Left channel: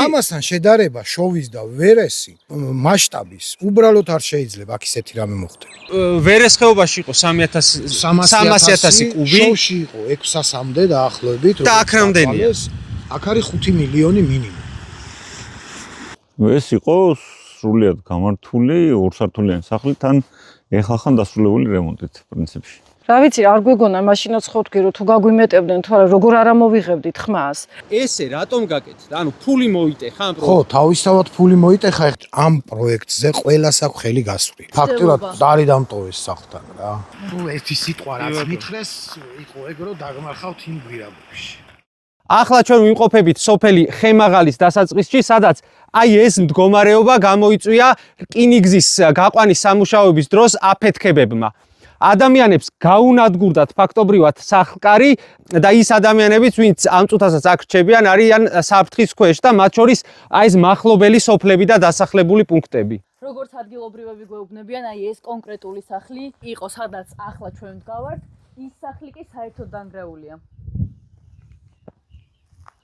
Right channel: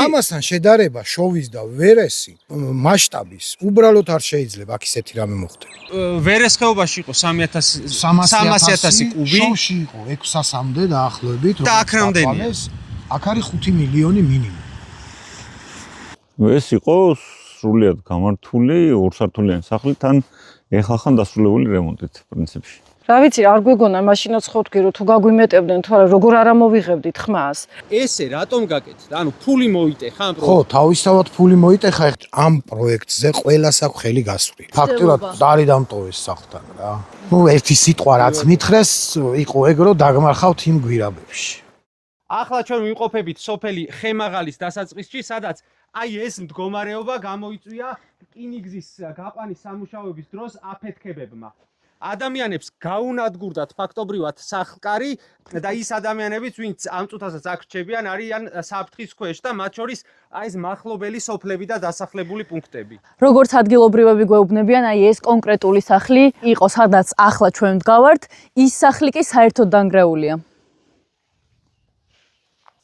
ამასთან შედარება შოვის და ვერესი მასშტაბის უბრალოდ არ შეიძლება აქ ისეთი რამე მოხდეს. ვერეს ხეობაში იყო 300,000 კუბი. შოვში იყო 600-მდე დაახლოებით. და აქ რამდენია? აქ არის 5 მილიონი მინიმუმ. ეს იყო სრულიად გამართული ორსართულიანი სახლი თან ეხახან დასრულებული რემონტით პრინციპში. რა ვიცი, არ გვეგონა მაშინაც ხო თქვი რომ თუ გაგვიმეტებდნენ თუ არა, როგორ არ ამოვიღებდით ხმას. ესე რატომ გაკეთდა? ანუ ფული მოიტეხა ამ ხო, თავისთავად ფული მოიტეხა ამ პროექტზე ყველას აქვს ხელი გასული. ფაქტურად დარი დამტოვეს სახლთან რა. ნუ ერთი სიტყვა რაც მითხრეს, იყო ეგ რომ დაგმარხავთ იმ გვირაბებში. ახლა ჩვენ ვიმყოფებით სოფელი ხემაღალის დასაწყისში, სადაც აი ეს მდგომარეობა გამოიწვია რკინიგზის გაყვანის სამუშაოების დროს აფეთქებებმა. ადამიანებს გაუნადგურდათ ფაქტობრივად სახლკარი და ის ადამიანებიც, ვინც ამ წუთასაც აქ რჩებიან, არიან საფრთხის ქვეშ და მათ შორის აი ეს მახლობელი სოფლები და დასახლებული პუნქტები. როგორც ადგილობრივები გვეუბნებიან, აი ეს კონკრეტული სახლი იყო, სადაც ახლა ჩვენ ვდგავართ, ის სახლი კი საერთოდ დანგრეულია.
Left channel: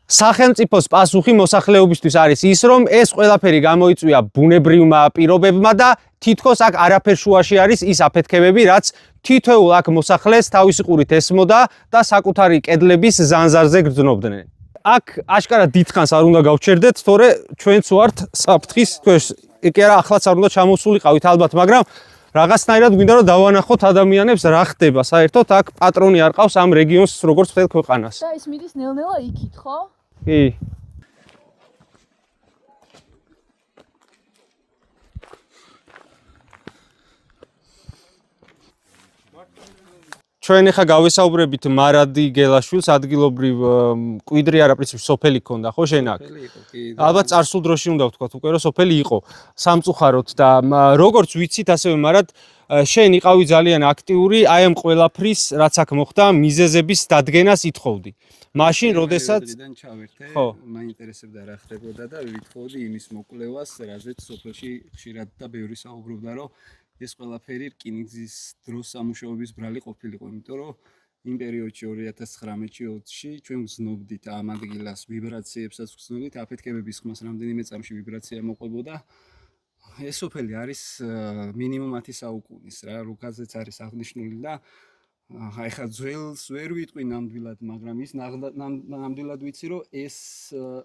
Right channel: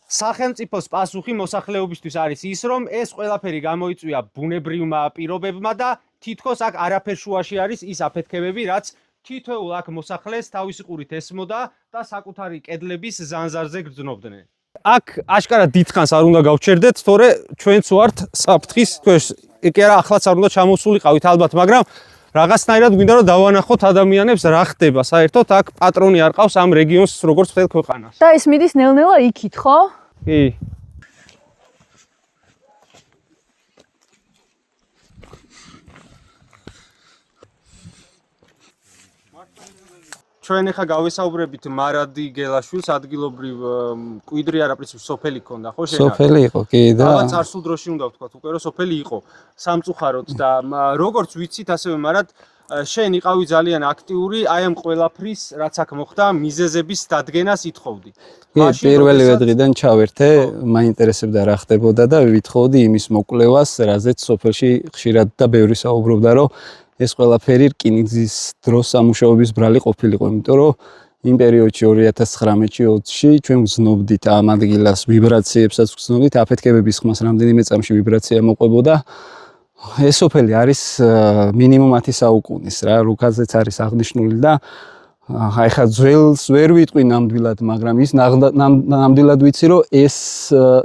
სახელმწიფოს პასუხი მოსახლეობისთვის არის ის, რომ ეს ყველაფერი გამოიწვია ბუნებრივმა პირობებმა და თითქოს აქ არაფერ შუაში არის ის აფეთქებები, რაც თითოეულ აქ მოსახლეს თავისი ყურით ესმოდა და საკუთარი კედლების ზანზარზე გრძნობდნენ. აქ აშკარად დიდხანს არ უნდა გავჩერდეთ, თორე ჩვენც ვართ საფრთხის ქვეშ. კი არა, ახლაც არ უნდა ჩამოსულიყავით ალბათ, მაგრამ რაღაცნაირად გვინდა რომ დავანახოთ ადამიანებს რა ხდება. საერთოდ აქ პატრონი არ ყავს ამ რეგიონს როგორც მთელ ქვეყანას. და ეს მიდის ნელ-ნელა იქით, ხო? კი. ჩვენ ახლა გავესაუბრებით მარადი გელაშვილს, ადგილობრივ კვიდრი არა პრინციპში სოფელი ქონდა, ხო შენ? სოფელი იყო, კი და ალბათ წარსულ დროში უნდა ვთქვათ უკვე რომ სოფელი იყო სამწუხაროდ და როგორც ვიცით, ასევე მარად შენ იყავი ძალიან აქტიური აი ამ ყველაფრის, რაც აქ მოხდა, მიზეზების დადგენას ითხოვდი. მაშინ პირველივე დღიდან ჩავერთე, მაინტერესებდა რა ხდებოდა და ვითხოვდი იმის მოკვლევას, რაზეც სოფელში ხშირად და ბევრი საუბრობდა, რომ ეს ყველაფერი რკინიგზის დროს სამუშაოების ბრალი ყოფილიყო, იმიტომ რომ იმ პერიოდში 2019-20-ში ჩვენ ვზნობდით ამ ადგილას ვიბრაციებსაც ვზნობდით, აფეთქებების ხმას რამდენიმე წამში ვიბრაცია მოყვებოდა. ეს სოფელი არის მინიმუმ 10 საუკუნის რა, რუკაზეც არის აღნიშნული და აი ხა ძველს ვერ ვიტყვი ნამდვილად, მაგრამ ის ნამდვილად ვიცი, რომ ეს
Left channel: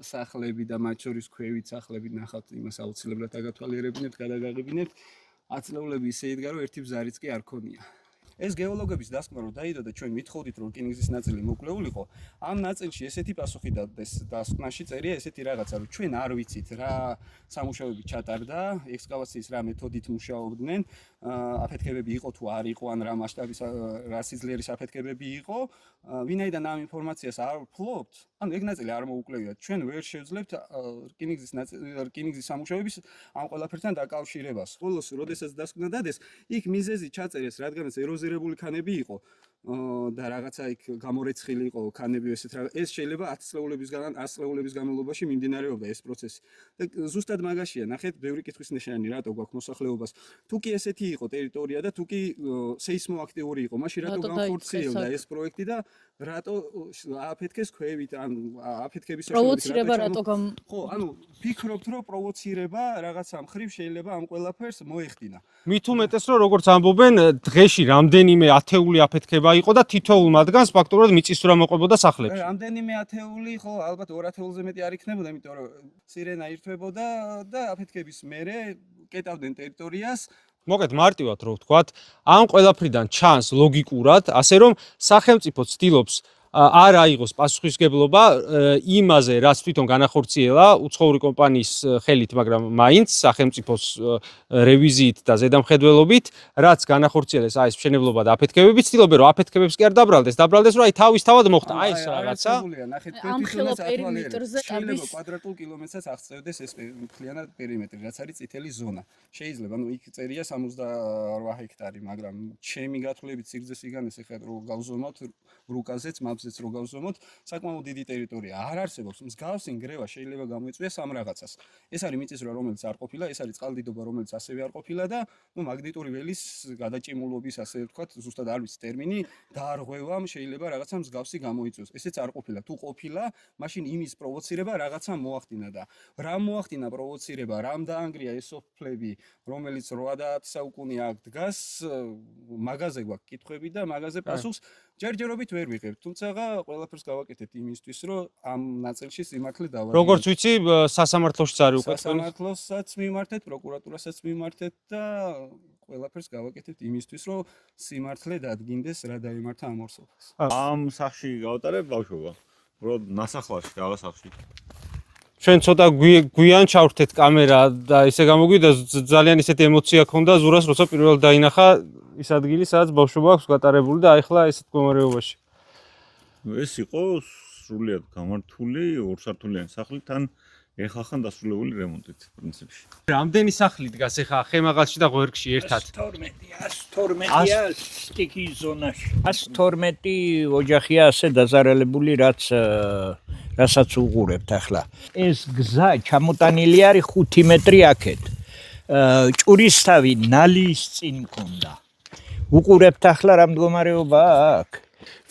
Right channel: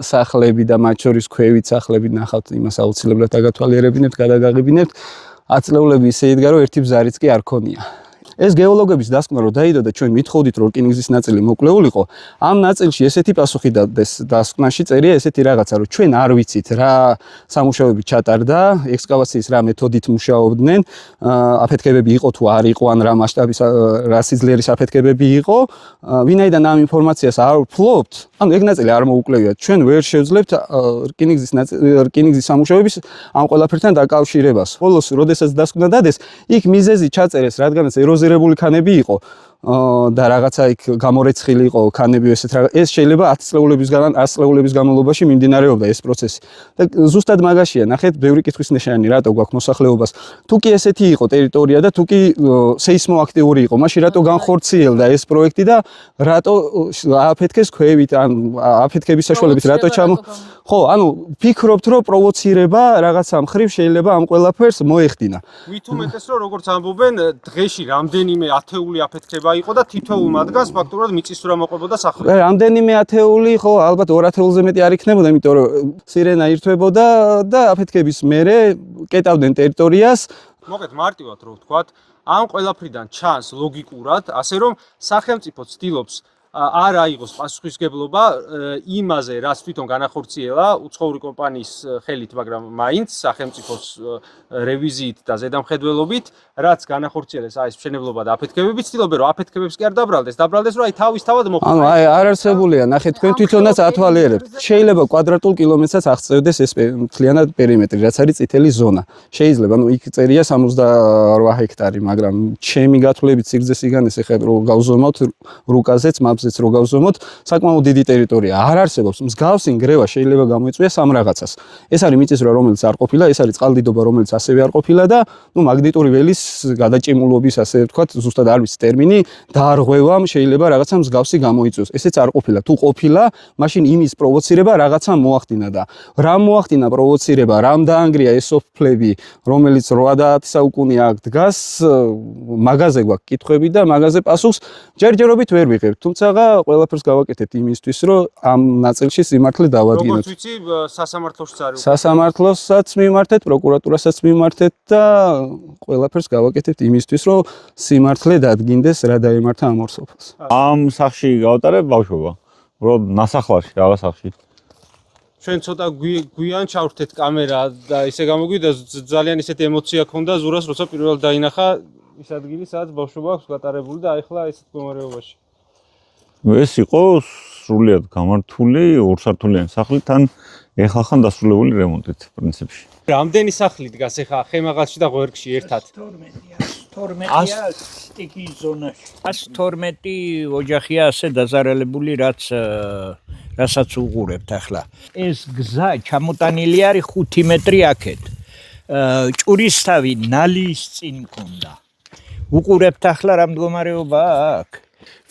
სახლები და მათ შორის ქვევით სახლები ნახავთ, იმას აუცილებლად დაგათვალიერებინებთ, გადაგაღებინებთ. აწლეულები ისე იდგა, რომ ერთი ბზარიც კი არ ქონია. ეს გეოლოგების დასკვნა რო დაიდო და ჩვენ ვითხოვდით, რომ რკინიგზის ნაწილი მოკლეულიყო, ამ ნაწილში ესეთი პასუხი დადეს დასკვნაში წერია ესეთი რაღაცა, რომ ჩვენ არ ვიცით რა სამუშაოები ჩატარდა, ექსკავაციის რა მეთოდით მუშაობდნენ, აფეთქებები იყო თუ არ იყო, ან რა მასშტაბის რა სიძლიერის აფეთქებები იყო, ვინაიდან ამ ინფორმაციას არ ვფლობთ, ანუ ეგ ნაწილი არ მოუკლევიათ, ჩვენ ვერ შევძლებთ რკინიგზის სამუშაოების ამ ყველაფერთან დაკავშირებას. ხოლოს, როდესაც დასკვნა დადეს, იქ მიზეზი ჩაწერეს, რადგანაც ეროზირებული ქანები იყო და რაღაცა იქ გამორეცხილი იყო ქანები ესეთ რა. ეს შეიძლება 10 წლეულების განმავლობაში მიმდინარეობდა ეს პროცესი. და ზუსტად მაგაშია, ნახეთ, ბევრი კითხვის ნიშანი რატო გვაქვს მოსახლეობას. თუ კი ესეთი იყო ტერიტორია და თუ კი სეისმოაქტიური იყო, მაშინ რატო განხორციელდა ეს პროექტი და რატო აფეთქეს ქვევით, ან აფეთქების საშუალებით რატო ხო, ანუ ფიქრობთ, რომ პროვოცირება რაღაცა მხრივ შეიძლება ამ ყველაფერს მოეხდინა. მით უმეტეს, რომ როგორც ამბობენ, დღეში რამდენიმე ათეული აფეთქება იყო და თითოეულ მათგანს ფაქტობრივად მიწისძვრა მოყვებოდა სახლებში. რამდენიმე ათეული, ხო, ალბათ 2 ათეულზე მეტი არ იქნებოდა, იმიტომ რომ სირენა ირთვებოდა და აფეთქების მერე კეტავდნენ ტერიტორიას. მოგეთ მარტივად რო ვთქვათ, ამ ყველაფრიდან ჩანს ლოგიკურად, ასე რომ სახელმწიფო ცდილობს არ აიღოს პასუხისმგებლობა იმაზე, რაც თვითონ განახორციელა უცხოური კომპანიის ხელით, მაგრამ მაინც სახელმწიფოს რევიზიით და ზედამხედველობით, რაც განახორციელეს აი ეს მშენებლობა და აფეთქებები, ცდილობენ რომ აფეთქებებს კი არ დაბრალდეს, რომ აი თავისთავად მოხდეს. ანუ აი არ არსებულია, ნახეთ, თქვენ თვითონაც ათვალიერებთ. შეიძლება კვადრატულ კილომეტრსაც აღწევდეს ეს მთლიანად პერიმეტრი, რაც არის წითელი ზონა. შეიძლება, ანუ იქ წერია 68 ჰექტარი, მაგრამ ჩემი გათვლებით სიგრძე სიგანეს ეხლა რო გავზომავთ რუკაზეც სამზეც რო გავზომოთ, საკმაოდ დიდი ტერიტორია არ არსებობს. მსგავსი ნგრევა შეიძლება გამოიწვიოს ამ რაღაცას. ეს არის მიწისძვრა, რომელიც არ ყოფილა, ეს არის წყალდიდობა, რომელიც ასევე არ ყოფილა და მაგნიტური ველის გადაჭიმულობის, ასე ვთქვათ, ზუსტად არ ვიცი ტერმინი, დაარღვევამ შეიძლება რაღაცა მსგავსი გამოიწვიოს. ესეც არ ყოფილა. თუ ყოფილა, მაშინ იმის პროვოცირება რაღაცა მოახდინა და რა მოახდინა პროვოცირება, რამ დაანგრია ეს სოფლები, რომელიც 80 საუკუნე აქ დგას, მაგაზე გვაქვს კითხვები და მაგაზე პასუხს ჯერჯერობით ვერ ვიღებთ. თუმცა ყველაფერს გავაკეთებთ იმისთვის, რომ ამ ნაწილში სიმართლე დავადგინოთ. როგორც ვიცი, სასამართლოშიც არის უკვე. სასამართლოსაც მიმართეთ, პროკურატურასაც მიმართეთ და ყველაფერს გავაკეთებთ იმისთვის, რომ სიმართლე დადგინდეს, რა დაემართა ამ ორ სოფელს. ამ სახში გავატარებ ბავშვობა. უბრალოდ ნასახლარში, რაღაც სახში. ჩვენ ცოტა გვიან ჩავრთეთ კამერა და ისე გამოგვიდა ძალიან ისეთი ემოცია ქონდა ზურას, როცა პირველ დაინახა ის ადგილი, სადაც ბავშვობა აქვს გატარებული და ახლა ესეთ მდგომარეობაში. ეს იყო სრულიად გამართული ორსართულიანი სახლი, თან ეხლა ხან დასრულებული რემონტით პრინციპში. რამდენი სახლი დგას ახლა ხემაღალში და ღვერგში ერთად? 112-ია სტიკის ზონაში. 112 ოჯახია ასე დაზარალებული, რასაც უყურებთ ახლა. ეს გზა ჩამოტანილი არის 5 მეტრი აქეთ. ჭურისთავი ნალის წინ მქონდა. უყურებთ ახლა რა მდგომარეობაა აქ.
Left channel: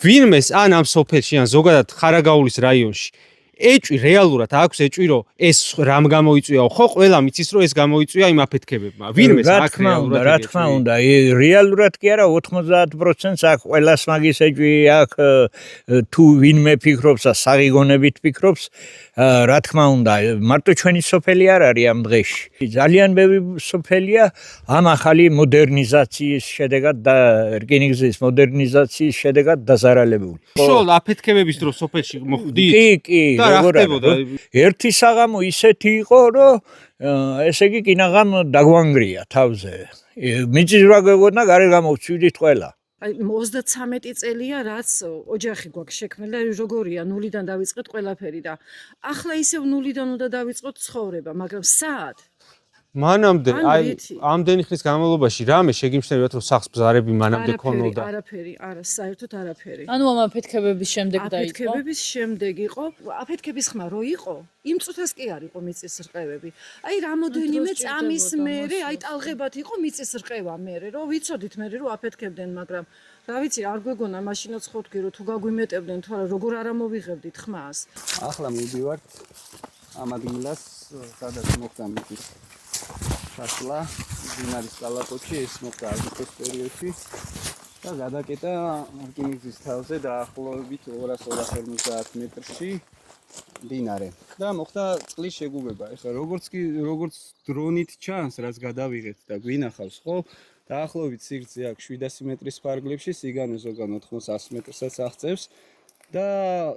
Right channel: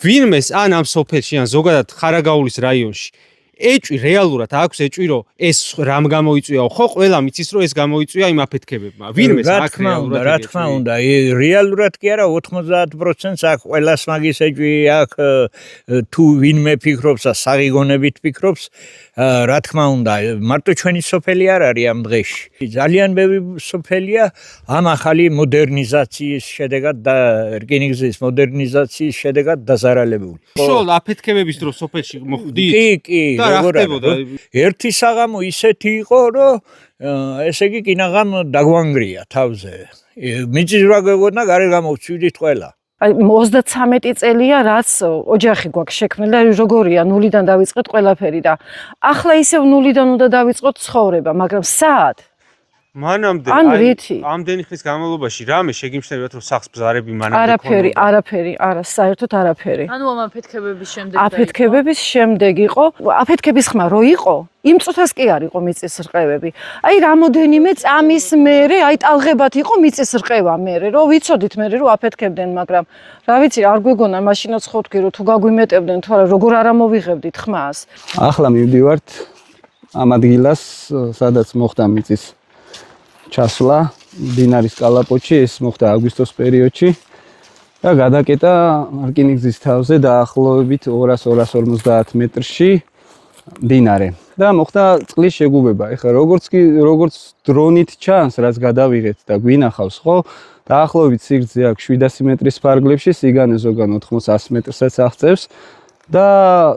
ვინმეს ან ამ სოფელში ან ზოგადად ხარაგაულის რაიონში ეჭვი რეალურად აქვს ეჭვი რომ ეს რამ გამოიწვიაო ხო ყველა მიცის რომ ეს გამოიწვია იმ აფეთქებებმა ვინმეს აქ რეალურად რა თქმა უნდა რეალურად კი არა 90%-ს აქ ყველას მაგის ეჭვი აქ თუ ვინმე ფიქრობს და საღიგონებით ფიქრობს რა თქმა უნდა მარტო ჩვენი სოფელი არ არის ამ დღეში ძალიან ბევრი სოფელია ამ ახალი მოდერნიზაციის შედეგად და რკინიგზის მოდერნიზაციის შედეგად დაზარალებული უშუალოდ აფეთქებების დროს სოფელში მოხვდით კი ერთი საღამო ისეთი იყო, რომ ესე იგი კინაღამ დაგვანგრია თავზე. მიწისძვრა გეგონა გარე გამოვცვიდით ყველა. აი 33 წელია რაც ოჯახი გვაქვს შექმნილი და როგორია ნულიდან დავიწყეთ ყველაფერი და ახლა ისევ ნულიდან უნდა დავიწყოთ ცხოვრება, მაგრამ სად? მანამდე ამდენი ხნის განმავლობაში რამე შეგიმჩნევათ რომ სახს ბზარები მანამდე ქონოდა? არაფერი, არა, საერთოდ არაფერი. ანუ ამ აფეთქებების შემდეგ აფეთქებების შემდეგ იყო, აფეთქების ხმა რო იყო, იმ წუთას კი არ იყო მიწის რყევები. აი რამოდენიმე წამის მერე, აი ტალღებად იყო მიწის რყევა მერე, რომ ვიცოდით მერე რომ აფეთქებდნენ, მაგრამ რა ვიცი, არ გვეგონა მაშინაც ხო თქვი რომ თუ გაგვიმეტებდნენ თუ არა, როგორ არ ამოვიღებდით ხმას. ახლა მივდივართ ამ ადგილას, სადაც მოხდა მიწის ჩასვლა დინარის კალაპოტში ეს მოხდა აგვისტოს პერიოდში და გადაკეტა რკინიგზის თავზე დაახლოებით 200-250 მეტრში დინარე და მოხდა წყლის შეგუბება. ეხლა როგორც დრონით ჩანს, რაც გადავიღეთ და გვინახავს, ხო? დაახლოებით სიგრძე აქვს 700 მეტრის ფარგლებში, სიგანე ზოგან 80-100 მეტრსაც აღწევს. და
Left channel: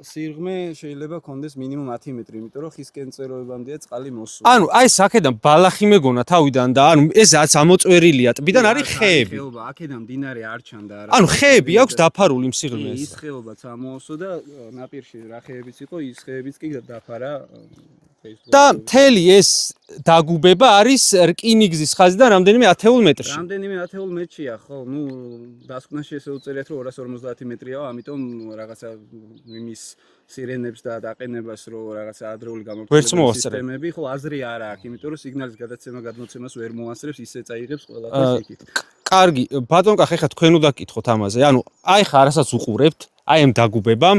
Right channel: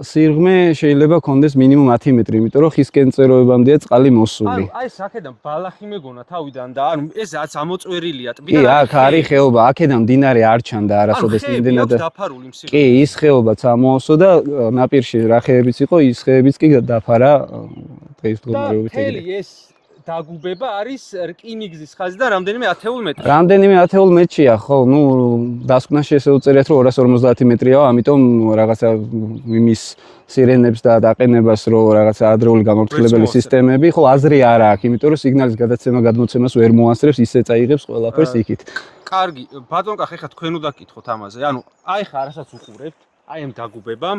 სიღრმე შეიძლება კონდეს მინიმუმ 10 მეტრი, იმიტომ რომ ხისკენ წეროებამდეა წყალი მოსული. ანუ აი ეს აქედან ბალახი მეგონა თავიდან და ანუ ესაც ამოწვერილია ტბიდან არის ხე. არის ხეობა, აქედან მდინარე არ ჩანდა არასოდეს. ანუ ხეები აქვს დაფარული იმ სიღრმეში. კი, ის ხეობაც ამოასო და ნაპირში რა ხეებიც იყო, ის ხეებიც კი დაფარა დღეს და მთელი ეს დაგუბება არის რკინიგზის ხაზიდან რამდენიმე 10 მეტრში. რამდენიმე 10 მეტრშია, ხო, ნუ დასკვნაში ესე უწერიათ რომ 250 მეტრიაო, ამიტომ რაღაცა იმის სირენებს და დაყენებას რო რაღაცა ადრეული გამორთულებელი სისტემები, ხო, აზრი არ აქვს, იმიტომ რომ სიგნალის გადაცემა გადმოცემას ვერ მოასწრებს, ისე წაიღებს ყველაფერს იქით. კარგი, ბატონ კახი, ხა თქვენ უნდა გკითხოთ ამაზე. ანუ აი ხა რასაც უყურებთ, აი ამ დაგუბებამ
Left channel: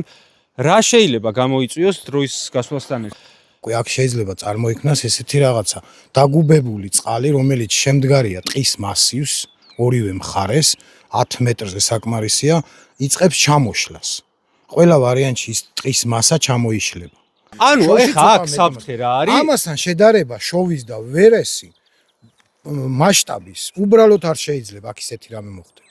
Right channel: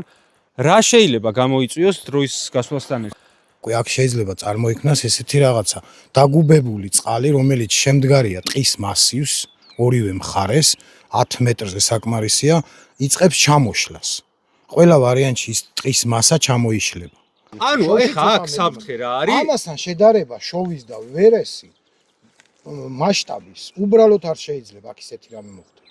რა შეიძლება გამოიწვიოს დროის გასვლასთან ერთად? აქ შეიძლება წარმოიქმნას ესეთი რაღაცა დაგუბებული წყალი, რომელიც შემდგარია ტყის მასივს, ორივე მხარეს 10 მეტრზე საკმარისია, იწყებს ჩამოშლას. ყველა ვარიანტში ის ტყის მასა ჩამოიშლება. ანუ ეხა აქ საფრთხე რა არის? ამასთან შედარება შოვის და ვერესი მასშტაბის უბრალოდ არ შეიძლება აქ ისეთი რამე მოხდეს.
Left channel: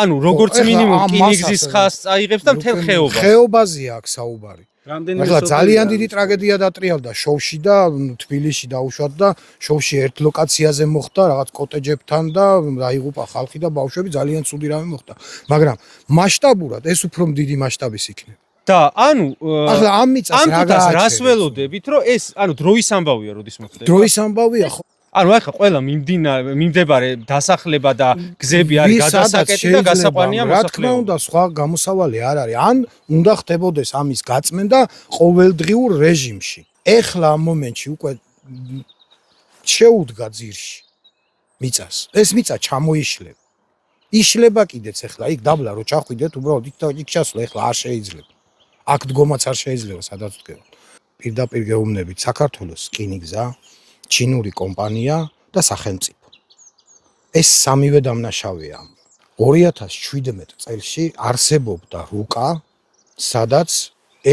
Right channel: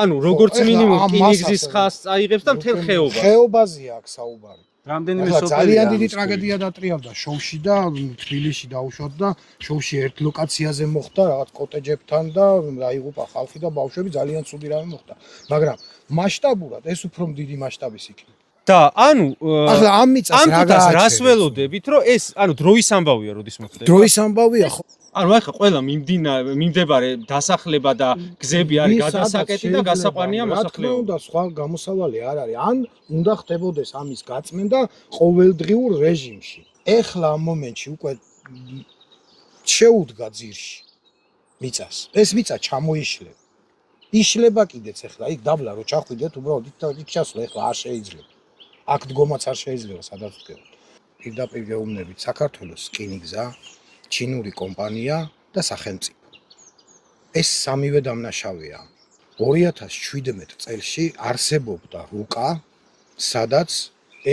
ანუ როგორც მინიმუმ რკინიგზის ხაზს წაიღებს და მთელ ხეობას. ხეობაზეა აქ საუბარი. რამდენიმე ძალიან დიდი ტრაგედია დატრიალდა შოვში და თბილისში დაუშვათ და შოვში ერთ ლოკაციაზე მოხდა რაღაც კოტეჯებთან და დაიღუპა ხალხი და ბავშვები ძალიან ცუდი რამე მოხდა. მაგრამ მასშტაბურად ეს უფრო დიდი მასშტაბის იქნება. და ანუ ახლა ამ მიწას რა გააჩერებს? რას ველოდებით, რომ ეს ანუ დროის ამბავია, როდის მოხდება? დროის ამბავია ხო? ანუ ახლა ყველა მიმდებარე დასახლება და გზები არის გადასაკეტი და გასაყვანია რა თქმა უნდა, სხვა გამოსავალი არ არის. ან უნდა ხდებოდეს ამის გაწმენდა ყოველდღიურ რეჟიმში. ეხლა ამ მომენტში უკვე შეუდგა ძირში მიწას. ეს მიწა ჩამოიშლება. იშლება კიდეც ეხლა იქ დაბლა რო ჩახვიდეთ, უბრალოდ იქ ჩასვლა ეხლა არ შეიძლება. აქ დგომაც არ შეიძლება, სადაც ვდგებთ. პირდაპირ გეუბნებით საქართველოს რკინიგზა, ჩინური კომპანია და სახელმწიფო. ეს სამივე დამნაშავეა. 2017 წელს არსებობდა რუკა, სადაც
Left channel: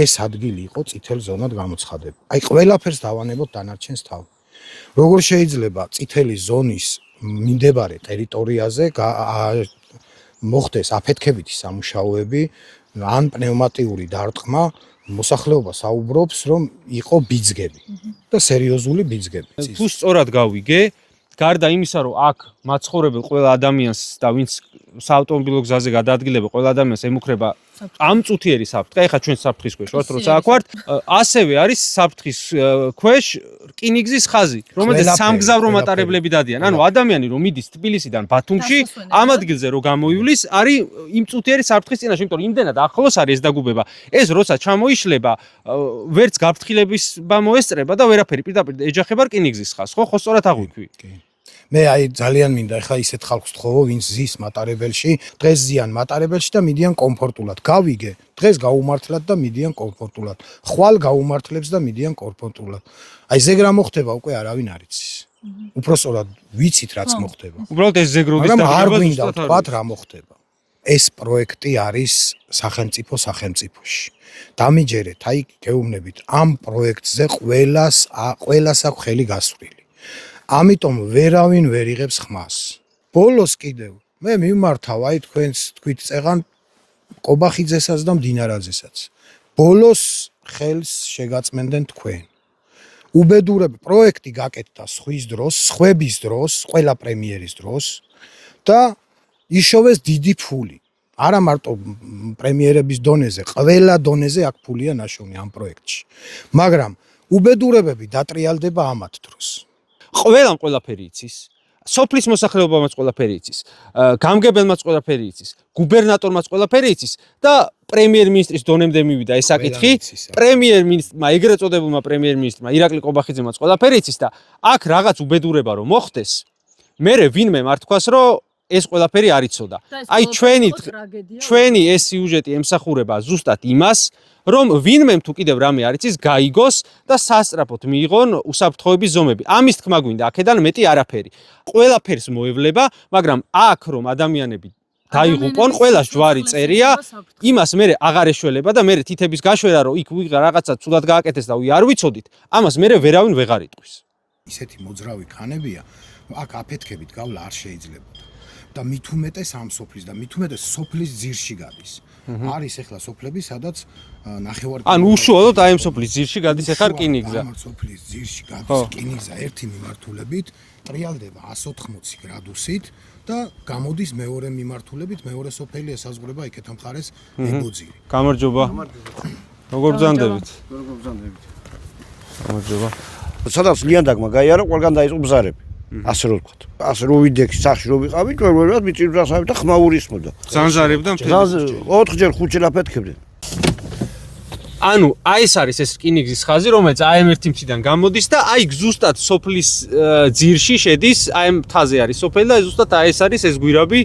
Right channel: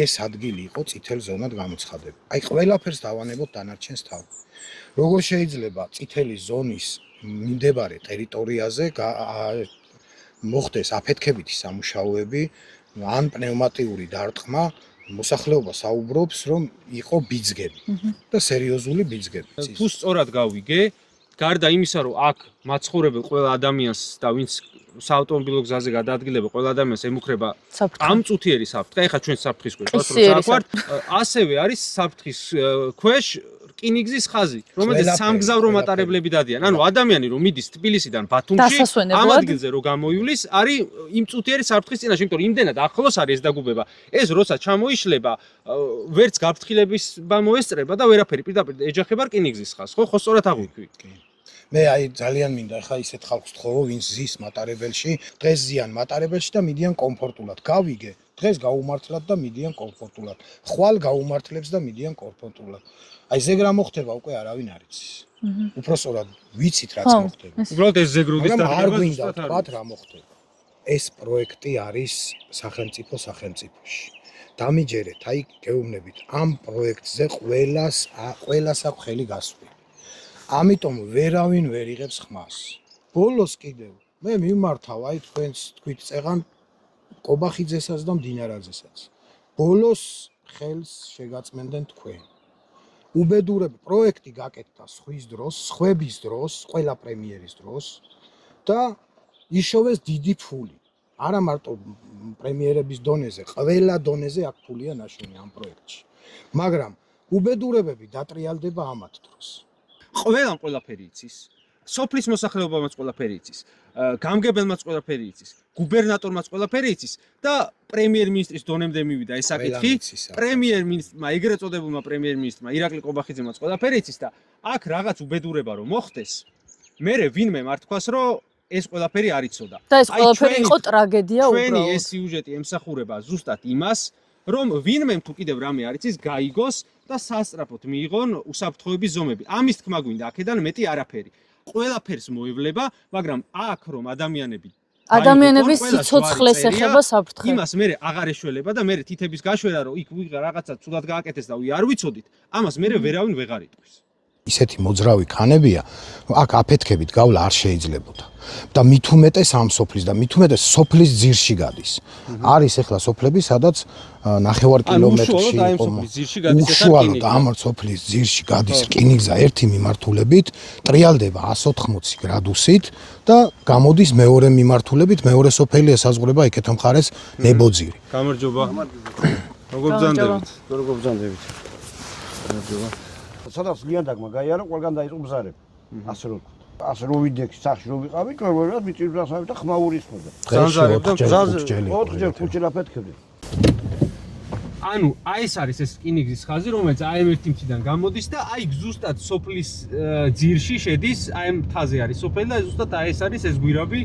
ეს ადგილი იყო წითელ ზონად გამოცხადებული. აი ყველაფერს დავანებოთ დანარჩენს თავი. როგორ შეიძლება წითელი ზონის მიმდებარე ტერიტორიაზე მოხდეს აფეთქებითი სამუშაოები ან პნევმატიური დარტყმა, მოსახლეობა საუბრობს, რომ იყო ბიძგები და სერიოზული ბიძგები. თუ სწორად გავიგე, გარდა იმისა, რომ აქ მაცხოვრებელ ყველა ადამიანს და ვინც საავტომობილო გზაზე გადაადგილება, ყველა ადამიანს ემუქრება ამ წუთიერი საფრთხე. ეხლა ჩვენ საფრთხის ქვეშ ვართ, როცა აქ ვართ, ასევე არის საფრთხის ქვეშ რკინიგზის ხაზი, რომელიც სამგზავრო მატარებლები დადიან. ანუ ადამიანი რომ მიდის თბილისიდან ბათუმში, ამ ადგილზე რო გამოივლის, არის იმ წუთიერი საფრთხის წინაშე, იმიტომ რომ იმდენად ახლოს არის ეს დაგუბება. ეს როცა ჩამოიშლება, ვერც გაფრთხილებისება მოესწრება და ვერაფერი პირდაპირ ეჯახება რკინიგზის ხაზს. ხო, სწორად აღვიქვი. მე აი ძალიან მინდა ეხლა ისეთ ხალხს თხოვო, ვინც ზის მატარებელში, დღეს ზიან მატარებელში და მიდიან კომფორტულად. გავიგე, დღეს გაუმართლად და მიდიან კომფორტულად. ხვალ გაუმართლებს და მიდიან კომფორტულად. აი ზეგ რა მოხდება უკვე არავინ არ იცის. უпроსტად ვიცით რაც მოხდება. უბრალოდ ეს ზეგროდის მაგრამ არ გვინდა ვთქვათ რა მოხდება. ეს პროექტი არის სახელმწიფოში. დამიჯერეთ, აი გეუბნებით, ამ პროექტზე ყველას აქვს ხელი გასვლილი. ამიტომ ვერავინ ვერ იღებს ხმას. ბოლოს კიდევ მე მიმართავ აი თქვენს თქვით წეღან ყობახიძესაც და მდინარაძესაც. ბოლოს ხელს შეგაწმენდენ თქვენ. უბედურები პროექტი გაკეთდა სხვის დროს, სხვების დროს, ყველა პრემიერის დროს და იშოვეს დიდი ფული. არა მარტო პრემიერების დონეზე, ყველა დონეზე აქ ფულია ნაშოვნი ამ პროექტში. მაგრამ უბედურებები დატრიალდება ამათ დროს. ყველამ ყველაფერი იცის. სოფლის მოსახლეობამაც ყველაფერი იცის. გამგებელმაც ყველაფერი იცის. გუბერნატორმაც ყველაფერი იცის და პრემიერ-მინისტრის დონემდე მივიდა ეს საკითხი. პრემიერ-მინისტრმა, ეგრეთ წოდებულმა პრემიერ-მინისტრმა ირაკლი ყობახიძემაც ყველაფერი იცის და აქ რაღაც უბედურება რომ მოხდეს, მერე ვინმე მართქვას რომ ეს ყველაფერი არ იცოდა. აი ჩვენი ეს სიუჟეტი ემსახურება ზუსტად იმას, რომ ვინმემ თუ კიდევ რამე არ იცის, გაიგოს და სასწრაფოდ მიიღონ უსაფრთხოების ზომები. ამის თქმა გვინდა, აქედან მეტი არაფერი. ყველაფერს მოევლება, მაგრამ აქ რომ ადამიანები დაიღუპონ, ყველა ჯვარი წერია, იმას მერე აღარ ეშველება და მერე თითების გაშვერა, რომ იქ ვიღა რაღაცა ცუდად გააკეთეს და არ ვიცოდით, ამას მერე ვერავინ ვეღარ იტყვის. ისეთი მოძრავი ქანებია, აქ აფეთქებით გავლა არ შეიძლებოდა. და მით უმეტეს ამ სოფლის და მით უმეტეს სოფლის ძირში გადის. არის ახლა სოფლები, სადაც ნახევარ კილომეტრში. ანუ უშუალოდ აი ამ სოფლის ძირში გადის ახლა რკინიგზა. ამ სოფლის ძირში გადის რკინიგზა ერთი მიმართულებით, ტრიალდება 180 გრადუსით და გამოდის მეორე მიმართულებით, მეორე სოფელი ესაზღვრება იქეთ მხარეს ნებოძირი. გამარჯობა. როგორ ბრძანდებით? გამარჯობა. სადაც ლიანდაგმა გაიარა, ყველგან დაიწყო ბზარები. ასე რომ ვთქვათ. ასე რომ ვიდექი სახში რომ ვიყავით, ყველგან მიწირდასავით და ხმაურისმოდა. ზანზარებდა მთელი. 4ჯერ 5ჯერ აფეთქებდნენ. ანუ აი ეს არის ეს რკინიგზის ხაზი, რომელიც AM1 მთიდან გამოდის და აი ზუსტად სოფლის ძირში შედის, აი მთაზე არის სოფელი და ზუსტად აი ეს არის ეს გვირაბი,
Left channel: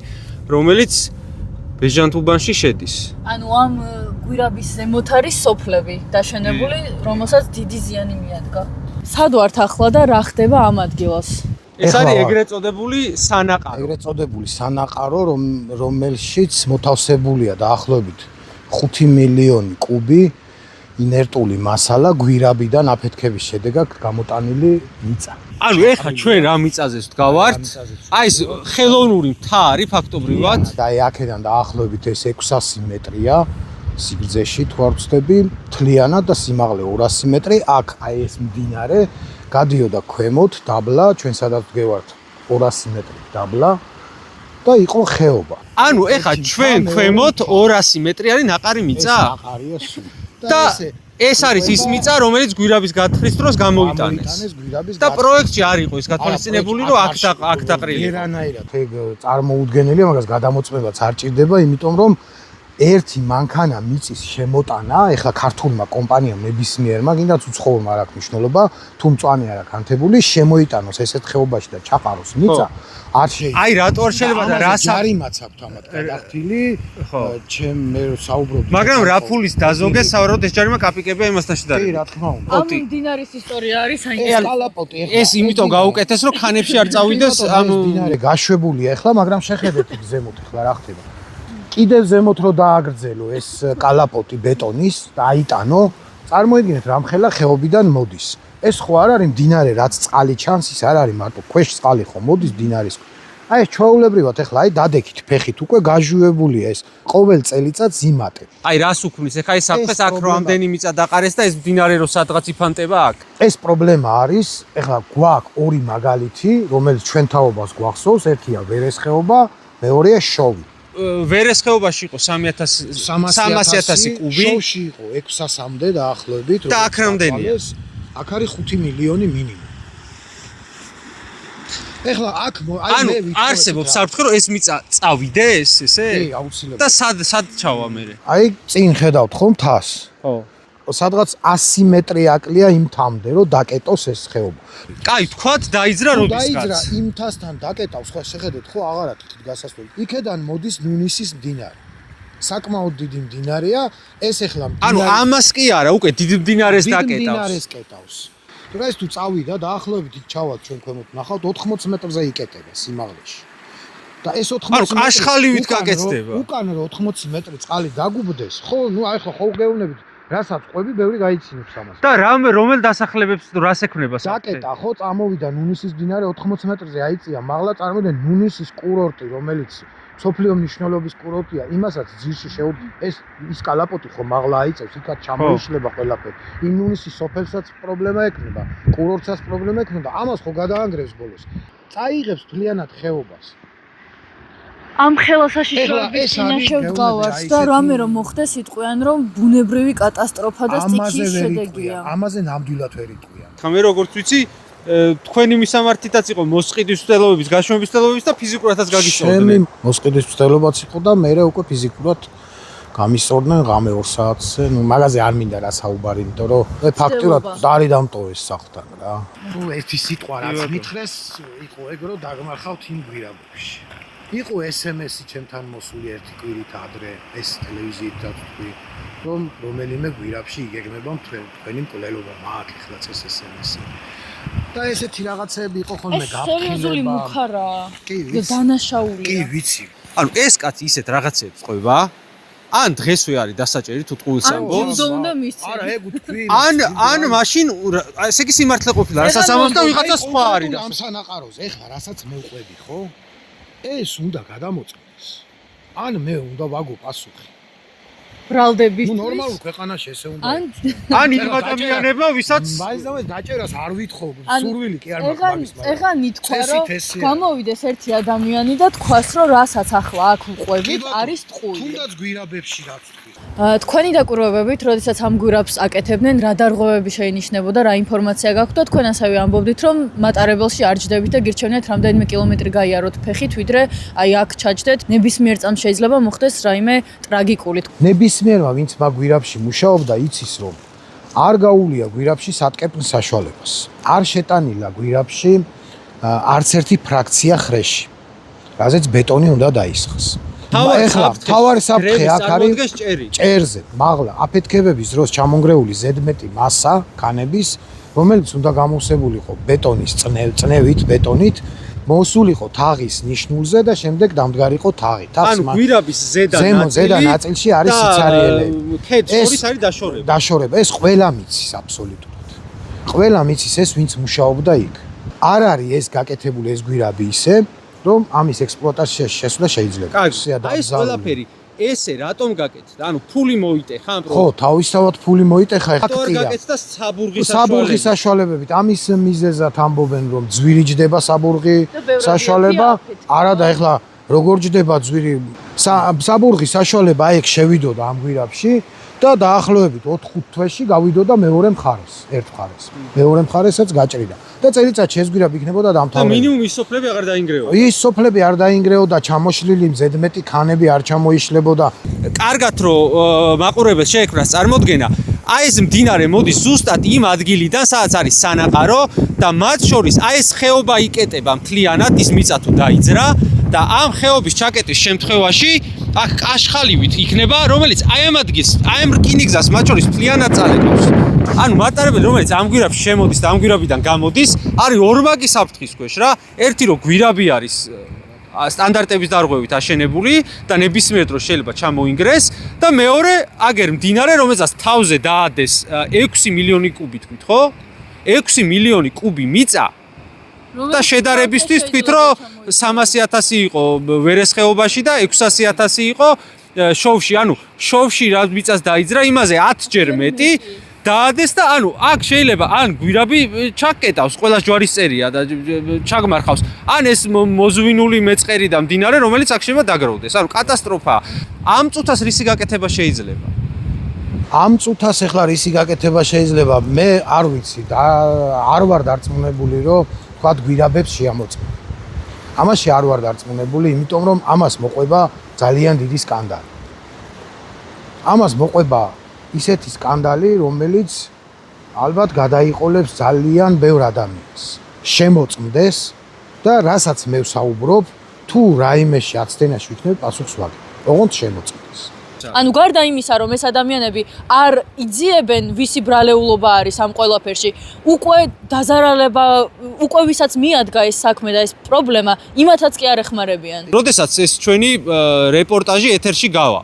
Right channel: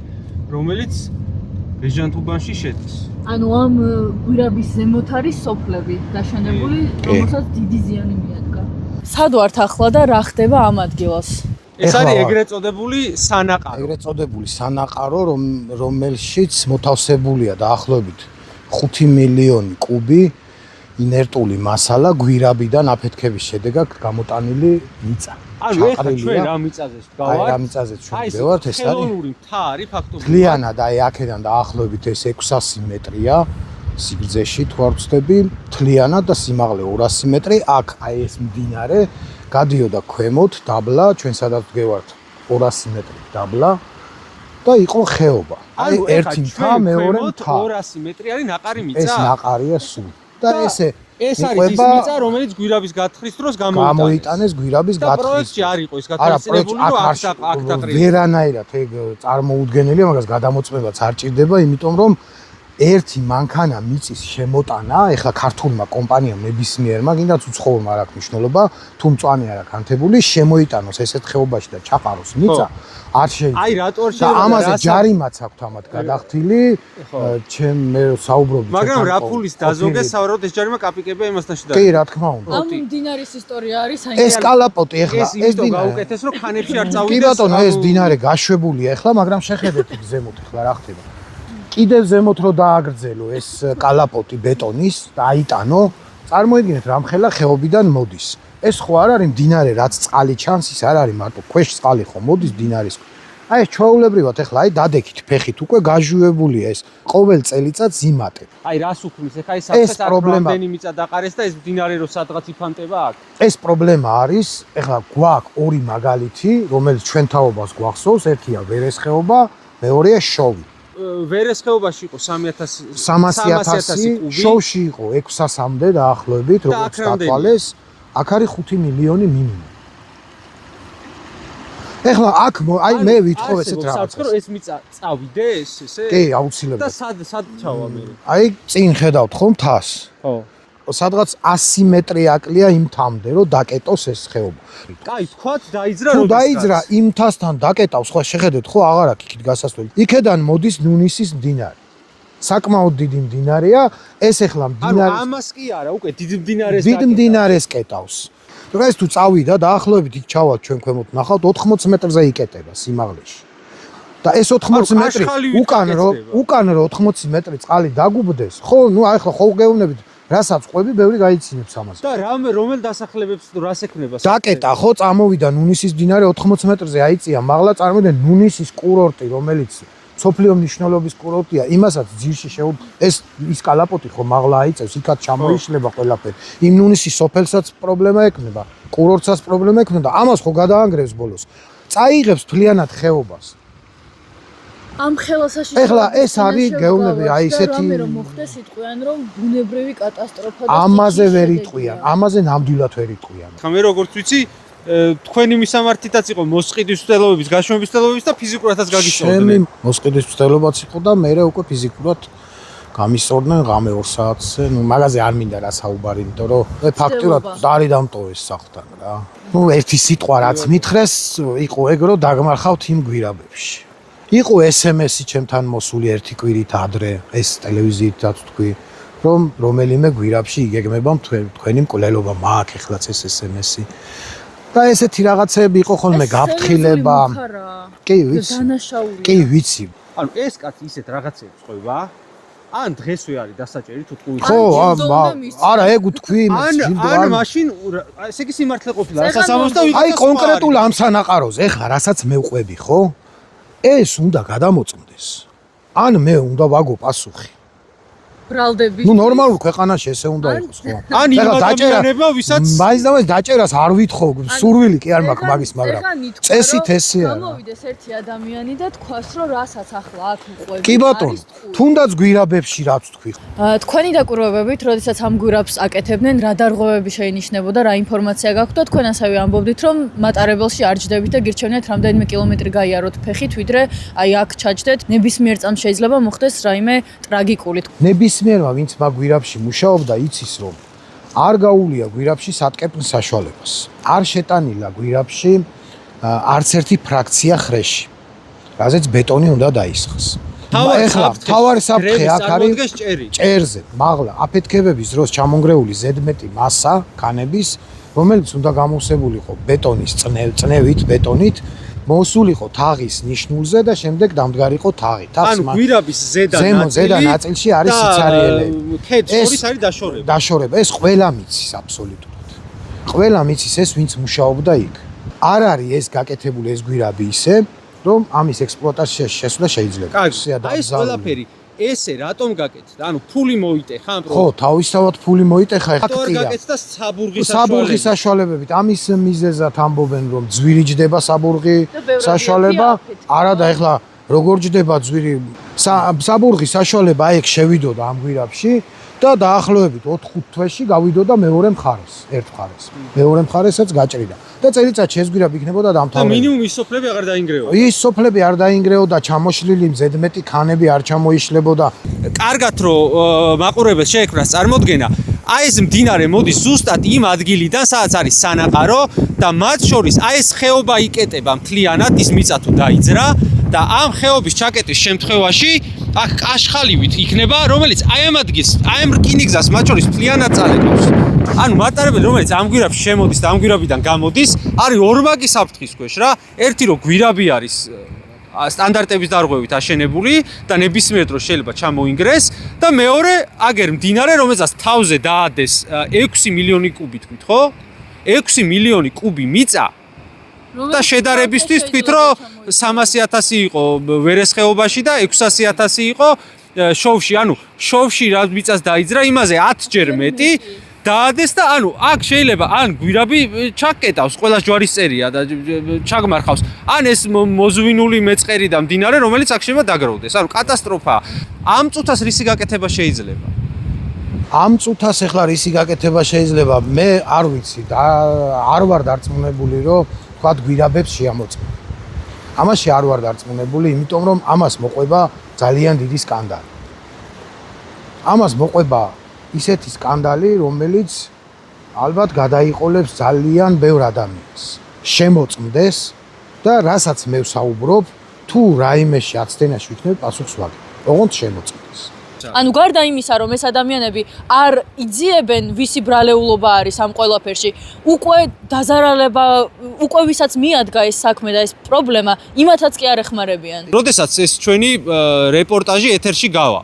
რომელიც ბეჟანთუბანში შედის. ანუ ამ გვირაბის ზემოთ არის სოფლები დაშენებული, რომელსაც დიდი ზიანი მიადგა. სად ვართ ახლა და რა ხდება ამ ადგილას? ეს არის ეგრეთ წოდებული სანაყარო. ეგრეთ წოდებული სანაყარო, რომელშიც მოთავსებულია დაახლოებით 5 მილიონი კუბი ინერტული მასალა გვირაბიდან აფეთქების შედეგად გამოტანილი მიწა. ანუ ეხლა ჩვენ რა მიწაზე ვდგავართ? აი ეს ხელოვნური მთა არის ფაქტობრივად. ლიანა და აი აქედან დაახლოებით ეს 600 მეტრია სიგრძეში თუ არ ვცდები, თლიანად და სიმაღლე 200 მეტრი. აქ აი ეს მდინარე გადიოდა ქვემოთ დაბლა, ჩვენ სადაც ვდგევართ 200 მეტრი დაბლა და იყო ხეობა. ანუ ეხლა ჩვენ ქვემოთ 200 მეტრი არის ნაყარი მიწა? ეს ნაყარია სულ. და ესე ეს არის ის მიწა, რომელიც გვირაბის გათხრის დროს გამოიტანეს გვირაბის და პროექტში არ იყო ის გათვალისწინებული, რომ აქ დაყრილი. ვერანაირად ეგ წარმოუდგენელია, მაგას გადამოწმებაც არ ჭირდება, იმიტომ რომ ერთი მანქანა მიწის შემოტანა, ეხლა ქართულმა კომპანიამ ნებისმიერმა, კიდაც უცხოურმა არ აქვს მნიშვნელობა, თუ მწვანე არ აქვს ანთებული, შემოიტანოს ესეთ ხეობაში და ჩაყაროს მიწა, არ შეიძლება. აი რატო არ შეიძლება ამაზე ჯარიმაც აქვს ამათ გადახდილი, მე საუბრობდი. მაგრამ რა ფულის დაზოგეს სავარაუდოდ ეს ჯარიმა კაპიკებია იმასთან შედარებით. კი, რა თქმა უნდა. ამ დინარის ისტორია არის ეს საინტერესო. კალაპოტი ეხლა ეს იმიტომ გაუკეთეს, რომ ხანებში არ წავიდეს ეს დინარე გაშვებულია ეხლა, მაგრამ შეხედეთ იქ ზემოთ ეხლა რა ხდება. კიდევ ზემოთ რო დააგრძელო ეს კალაპოტი ბეტონის და აიტანო, წარმოიდგინეთ რამხელა ხეობიდან მოდის. ეს ხო არ არის მდინარე, რაც წყალი ჩანს, ის არ არის მარტო ქვეშ წყალი ხო მოდის მდინარის. აი ეს ჩვეულებრივად ეხლა აი დადექით ფეხით უკვე გაჟუებულია ეს ყოველ წელიწადს იმატებ. აი რას უქმნის? ეხა ეს საფრთხეს აქ რამდენი მიწა დაყარეს და ეს მდინარე რო სადღაც იფანტება აქ. ეს პრობლემა არის, ეხლა გვაქვს ორი მაგალითი, რომელიც ჩვენ თაობას გვახსოვს, ერთია ვერესხეობა, მეორეა შოვი. ვერესხეობაში იყო 300,000 კუბი. შოვში იყო 600-მდე დაახლოებით, როგორც დათვალეს. აქ არის 5 მილიონი მინიმუმ. ეხლა აქ აი მე ვიტყო ეს არსებობს საფრთხე რომ ეს მიწა წავიდეს ესე? კი, აუცილებლად. და სად ჩავა მე? აი წინ ხედავთ ხო მთას? ხო. სადღაც 100 მეტრი აკლია იმ თამდე რომ დაკეტოს ეს ხეობა. კაი, თქვათ დაიძრა თუ როდესაც. დაიძრა იმ თასთან დაკეტავს, ხო შეხედეთ ხო აღარ აქვს იქით გასასვლელი. იქედან მოდის ნუნისის მდინარე. საკმაოდ დიდი მდინარეა, ეს ეხლა ანუ ამას კი არა, უკვე დიდ მდინარეს დიდ დაკეტავს. მდინარეს კეტავს. დღეს თუ წავიდა დაახლოებით იქ ჩავალ ჩვენ ქვემოთ ნახავთ 80 მეტრზე იკეტება სიმაღლეში. და ეს 80 მეტრი უკან რო 80 მეტრი წყალი დაგუბდეს, ხო, ნუ აი ხო გეუბნებით, რასაც ყვები, ბევრი გაიცინებს ამას. და რომელ დასახლებებს რას ექნება? დაკეტა ხო, წამოვიდა ნუნისის მდინარე 80 მეტრზე აიწია, მაღლა წარმოვიდნენ ნუნისის კურორტი, რომელიც სოფლიო მნიშვნელობის კურორტია, იმასაც ძირში ეს კალაპოტი ხო მაღლა აიწევს, იქაც ჩამოიშლება ყველაფერი. იმ ნუნისის სოფელსაც პრობლემა ექნება, კურორტსაც პრობლემა ექნება, ამას ხო გადაანგრევს ბოლოს. წაიღებს მთლიანად ხეობას. ამ ხელასაშიშროების ეხლა ეს არის გეუბნები, აი ესეთი რამე რომ მოხდეს იტყვიან რომ ბუნებრივი კატასტროფა და ამაზე ვერ იტყვიან, ამაზე ნამდვილად ვერ იტყვიან. ხა მე როგორც ვიცი, თქვენი მისამართითაც იყო მოსყიდის მცდელობების, გაშრომების მცდელობების და ფიზიკურადაც გაგისწორდნენ. ჩემი მოსყიდის მცდელობაც იყო და მე უკვე ფიზიკურად გამისწორდნენ ღამე 2 საათზე, ნუ მაგაზე არ მინდა რა საუბარი, იმიტომ რომ ფაქტურად დარი დამტოვეს სახლთან რა. ნუ ერთი სიტყვა რაც მითხრეს, იყო ეგ რომ დაგმარხავთ იმ გვირაბებში. იყო SMS-ი ჩემთან მოსული ერთი კვირით ადრე, ეს ტელევიზიითაც თქვი, რომ რომელიმე გვირაბში იგეგმება თქვენი მკვლელობა, მაქვს ეხლაც ეს SMS-ი. და ესეთი რაღაცები იყო ხოლმე გაფრთხილება. კი, ვიცი. დანაშაულია. კი, ვიცი. ანუ ეს კაცი ისეთ რაღაცებს ყვება? ან დღესვე არის დასაჭერი თუ ტყუილს? ხო, არა, ეგ თქვი. ან მაშინ ესე იგი სიმართლე ყოფილა, რასაც ამბობს და ვიღაცა სხვა არის. აი კონკრეტულ ამ სანაყაროზე, ეხლა რასაც მე ვყვები, ხო? ეს უნდა გადამოწმდეს. ან მე უნდა ვაგო პასუხი. ბრალდები. ნუ ნორმალურ ქვეყანაში ესე უნდა იყოს, ხო? ან იმ ადამიანებმა, ვისაც მაინც და მაინც დაჭერას არ ვითხოვ, სურვილი კი არ მაქვს მაგის, მაგრამ წესით ესეა. გამოვიდეს ერთი ადამიანი და თქვას, რომ რასაც ახლა აქ უყვები, კი ბატონო, თუნდაც გვირაბებში რაც თქვი. თქვენი დაკვირვებებით, როდესაც ამ გვირაბს აკეთებდნენ, რა დარღვევები შეინიშნებოდა, რა ინფორმაცია გაქვთ და თქვენ ასევე ამბობდით, რომ მატარებელში არ ჯდებით და გირჩევნიათ რამდენიმე კილომეტრი გაიაროთ ფეხით, ვიდრე აი აქ ჩაჯდეთ. ნებისმიერ წამს შეიძლება მოხდეს რაიმე ტრაგიკული. ნებისმიერმა ვინც მაგ გვირაბში მუშაობდა, იცის რომ არ გაუვლია გვირაბში სატკეპნ საშუალებას. არ შეტანილა გვირაბში არც ერთი ფრაქცია ხრეში, რაზეც ბეტონი უნდა დაისხოს. ეხლა თავარი საფრთხე აქ არის ჭერზე, მაღლა აფეთქებების დროს ჩამონგრეული ზედმეტი მასა ქანების, რომელიც უნდა გამოსებულიყო ბეტონის წნევით, ბეტონით, მოსულიყო თაღის ნიშნულზე და შემდეგ დამდგარიყო თაღი. ანუ გვირაბის ზედა ნაწილში არის სიცარიელები. ეს არის დაშორება. დაშორება, ეს ყველა მიცის აბსოლუტურად. ყველა მიცის ეს ვინც მუშაობდა იქ. არ არის ეს გაკეთებული ეს გვირაბი ისე, რომ ამის ექსპლუატაციაში შესვლა შეიძლება. აი ეს ყველაფერი ესე რატომ გაკეთდა? ანუ ფული მოიტეხა ამ ხო, თავისთავად ფული მოიტეხა, ეხლა რატომ არ გაკეთდა საბურღის საშუალებით? ამის მიზეზად ამბობენ, რომ ძვირი ჯდება საბურღი საშუალება. არა და ეხლა როგორ ჯდება ძვირი საბურღის საშუალება, აი ეგ შევიდოდა ამ გვირაბში და დაახლოებით 4-5 თვეში გავიდოდა მეორე მხარეს, ერთ მხარეს. მეორე მხარესაც გაჭრიდა. და წელიწად შეესგვირა იქნებოდა და დამთავრებული. მინიმუმ ის სოფლები აღარ დაინგრევა. ის სოფლები არ დაინგრეოდა, ჩამოშლილი მზედმეტი ქანები არ ჩამოიშლებოდა. კარგად რომ მაყურებელს შეექმნას წარმოდგენა, აი ეს მდინარე მოდის ზუსტად იმ ადგილიდან, სადაც არის სანაყარო და მათ შორის აი ეს ხეობა იკეტება მთლიანად, ის მიწა თუ დაიძრა და ამ ხეობის ჩაკეტის შემთხვევაში აქ კაშხალივით იქნება, რომელიც აი ამ ადგილს, აი ამ რკინიგზას მათ შორის მთლიანად წალეკავს. ანუ მატარებელი, რომელიც ამ გვირაბში შემოდის და ამ გვირაბიდან გამოდის, არის ორმაგი საფრთხის ქვეშ რა. ერთი რომ გვირაბი არის სტანდარტების დარღვევით აშენებული და ნებისმიერ დროს შეიძლება ჩამოინგრეს და მეორე აგერ მდინარე, რომელსაც თავზე დაადეს 6 მილიონი კუბი თქვით, ხო? 6 მილიონი კუბი მიწა და შედარებისთვის თქვით, რომ 300.000 იყო ვერესხეობაში და 600.000 იყო შოვში. ანუ შოვში რა მიწას დაიძრა, იმაზე 10 ჯერ მეტი დაადეს და ანუ აქ შეიძლება ან გვირაბი ჩაკეტავს, ყველა ჯვარის წერია და ჩაგმარხავს. ან ეს მოზვინული მეწყერი და მდინარე, რომელიც აქ შეიძლება დაგროვდეს. ანუ კატასტროფაა. ამ წუთას რისი გაკეთება შეიძლება? ამ წუთას ახლა რისი გაკეთება შეიძლება? მე არ ვიცი და არ ვარ დარწმუნებული, რომ თქვათ გვირაბებს შეამოწმო. ამაში არ ვარ დარწმუნებული, იმიტომ რომ ამას მოყვება ძალიან დიდი სკანდალი. ამას მოყვება ისეთი სკანდალი, რომელიც ალბათ გადაიყოლებს ძალიან ბევრ ადამიანს. შემოწმდეს და რასაც მე ვსაუბრობ, თუ რაიმეში აცდენაში ვიქნებ პასუხს ვაგებ. ოღონდ შემოწმდეს. ანუ გარდა იმისა, რომ ეს ადამიანები არ იძიებენ, ვისი ბრალეულობა არის ამ ყველაფერში, უკვე დაზარალება, უკვე ვისაც მიადგა ეს საქმე და ეს პრობლემა, იმათაც კი არ ეხმარებიან. როდესაც ეს ჩვენი რეპორტაჟი ეთერში გავა,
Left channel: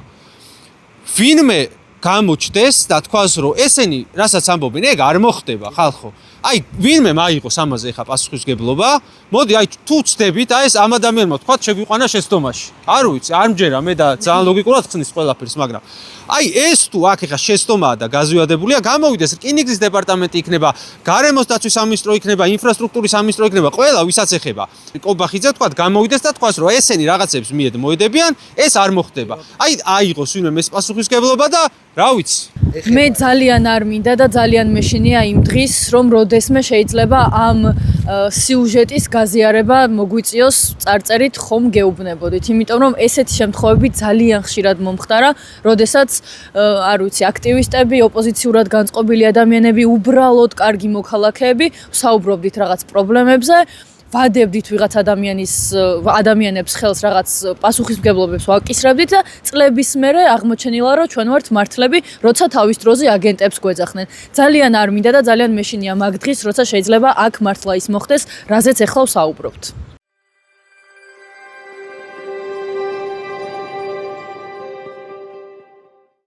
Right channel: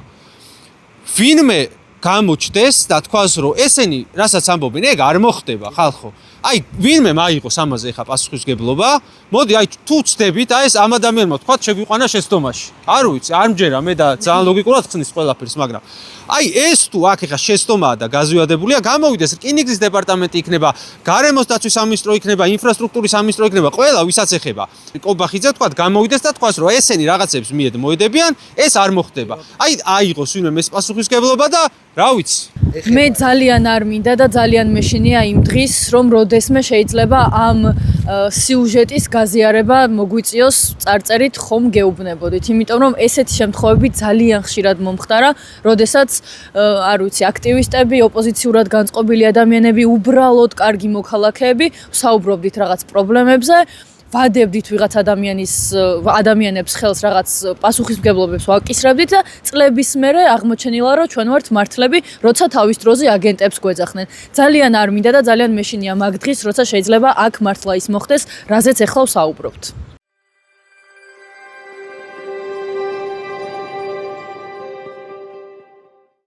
ვინმე გამოჩნდეს და თქვას, რომ ესენი რასაც ამბობენ, ეგ არ მოხდება, ხალხო. აი, ვინმე მაიღოს ამაზე ხა პასუხისგებლობა, მოდი, აი, თუ ცდებით, აი ეს ამ ადამიანმა თქვა, შეგვიყვანა შეცდომაში. არ ვიცი, არ მჯერა მე და ძალიან ლოგიკურად ხსნის ყველაფერს, მაგრამ აი, ეს თუ აქ ხა შეცდომაა და გაზვიადებულია, გამოვიდეს რკინიგზის დეპარტამენტი იქნება, გარემოს დაცვის სამინისტრო იქნება, ინფრასტრუქტურის სამინისტრო იქნება, ყველა ვისაც ეხება. კობახიძე თქვა, გამოვიდეს და თქვას, რომ ესენი რაღაცებს მიედ მოედებიან, ეს არ მოხდება. აი, აიღოს ვინმე ეს პასუხისგებლობა და რა ვიცი. მე ძალიან არ მინდა და ძალიან მეშინია იმ დღის, რომ როდესმე შეიძლება ამ სიუჟეტის გაზიარება მოგვიწიოს წარწერით ხომ გეუბნებოდით, იმიტომ რომ ესეთი შემთხვევები ძალიან ხშირად მომხდარა, როდესაც არ ვიცი, აქტივისტები, ოპოზიციურად განწყობილი ადამიანები, უბრალოდ კარგი მოქალაქეები ვსაუბრობდით რაღაც პრობლემებზე, ვადებდით ვიღაც ადამიანებს ხელს რაღაც პასუხისმგებლობებს ვაკისრებდით და წლების მერე აღმოჩენილა, რომ ჩვენ ვართ მართლები, როცა თავის დროზე აგენტებს გვეძახდნენ. ძალიან არ მინდა და ძალიან მეშინია მაგ დღის, როცა შეიძლება აქ მართლა ის მოხდეს, რაზეც ახლა ვსაუბრობთ.